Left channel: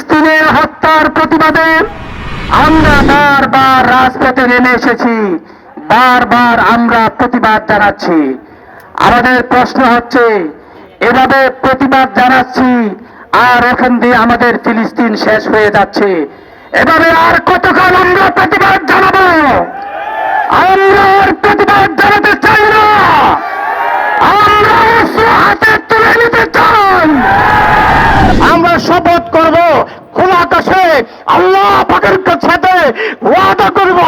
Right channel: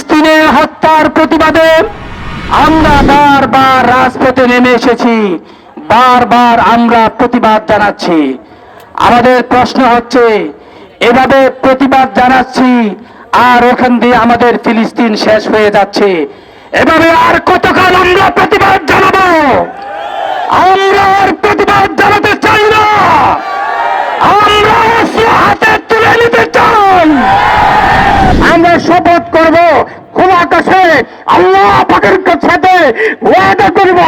ফিলিস্তিনের হত্যার প্রতিবাদে আমরা বারবার রাজপথে নেমে এসেছি। বারবার আমরা প্রতিবাদ জানাচ্ছি। আমাদের প্রশ্ন হচ্ছে, এভাবে প্রতিবাদ জানাচ্ছি আর ওখান দিয়ে আমাদের ফিলিস্তিন শেষ হয়ে যাচ্ছে। এভাবে আর কতকাল আমরা প্রতিবাদ জানাব? আমরা আর প্রতিবাদ জানাতে চাই না আমরা অস্ত্র হাতে তুলে নিতে চাই আমরা শপথ করব খোলা আকাশে আল্লাহ পাকের সাথে ওয়াদা করব,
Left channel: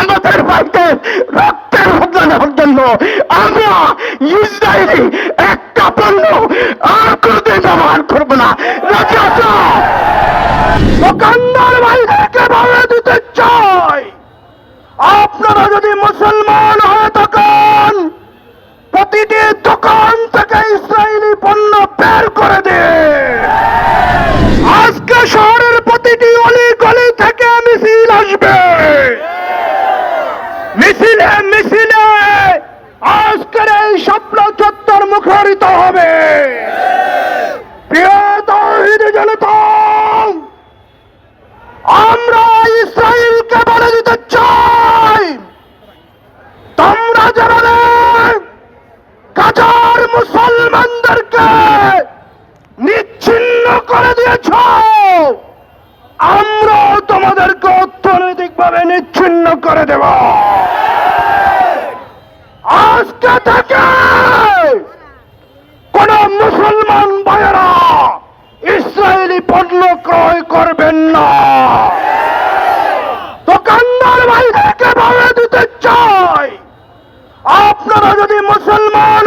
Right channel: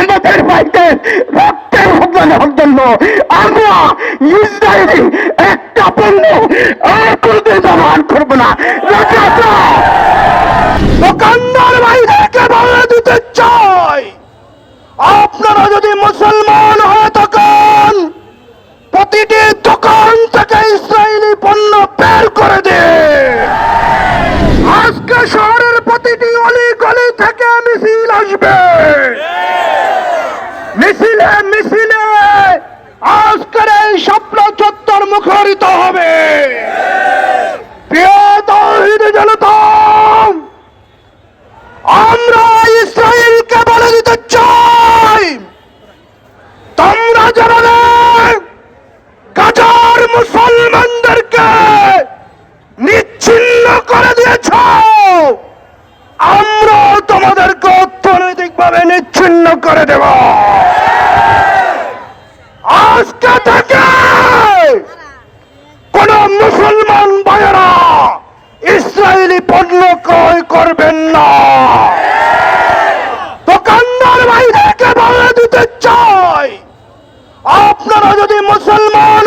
আমাদের ভাইকে রক্তের হত্যার জন্য আমরা ইসরায়েলি একটা পণ্য আর কোনোদিন ব্যবহার করব না। আপনারা যদি মুসলমান হয়ে থাকেন, প্রতিটি দোকান থেকে ইসরায়েলি পণ্য বের করে দে আজকে শহরের প্রতিটি অলি গলি থেকে মিছিল আসবে। মিছিলে মিছিলে আজকের এই স্বপ্ন চত্বর মুখরিত হবে। আমরা ইসরায়েলকে বলে দিতে চাই, তোমরা যারা নিচ্ছিন্ন করে দেব। আজকে থেকে কোন মুসলমান ভাইয়েরা ইসরায়েলি পণ্য ক্রয় করবেন না। দোকানদার ভাইদেরকে বলে দিতে চাই, আপনারা যদি মুসলমান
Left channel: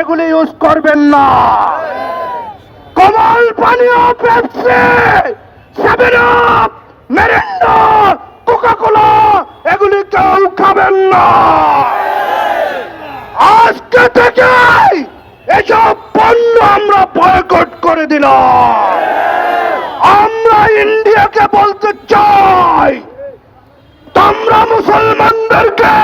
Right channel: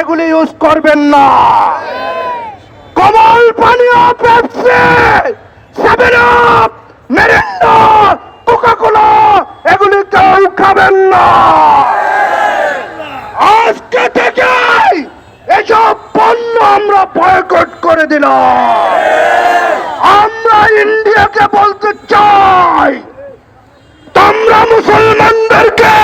এগুলি ইউজ করবেন না। কমল পানীয় Pepsi, seven up, Mirinda coca cola এগুলি কেউ খাবেন না। আজকে থেকে এসব পণ্য আমরা বয়কট করে দিলাম। আমরা ইন্ডিয়াকে বলতে চাই, তোমরা মুসলমানদেরকে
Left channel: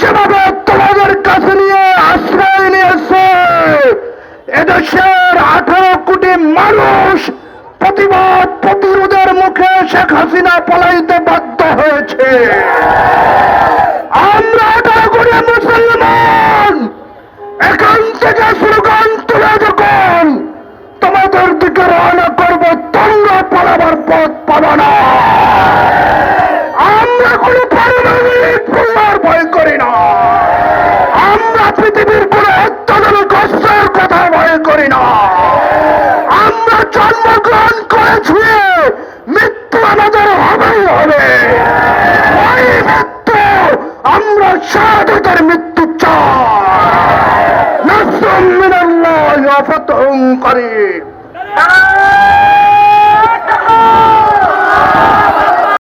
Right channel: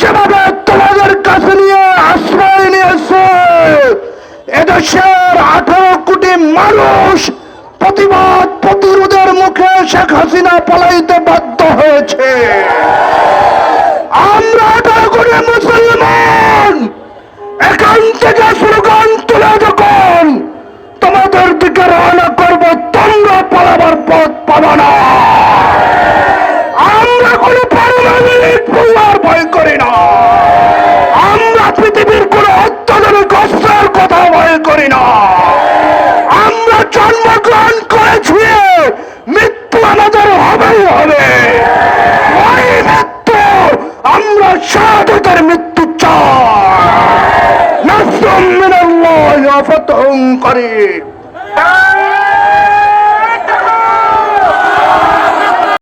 যেভাবে তোমাদের কাছে নিয়ে আশ্রয় নিয়েছে, এদেশের আঠারো কোটি মানুষ প্রতিবাদ প্রতিরোধের মুখে শেখ হাসিনা পলাইতে বাধ্য হয়েছে। আমরা মুসলমান, এখান থেকে স্লোগান করি না। আমরা পৃথিবীর কোনো অত্যাধুনিক অস্ত্রের কথা ভয় করি না। আমরা জন্মগ্রহণ করেছি মৃত্যু আমাদের হবেই হবে। ওই মৃত্যু আমরা শাহাদাতের মৃত্যু চাই। নাসরুম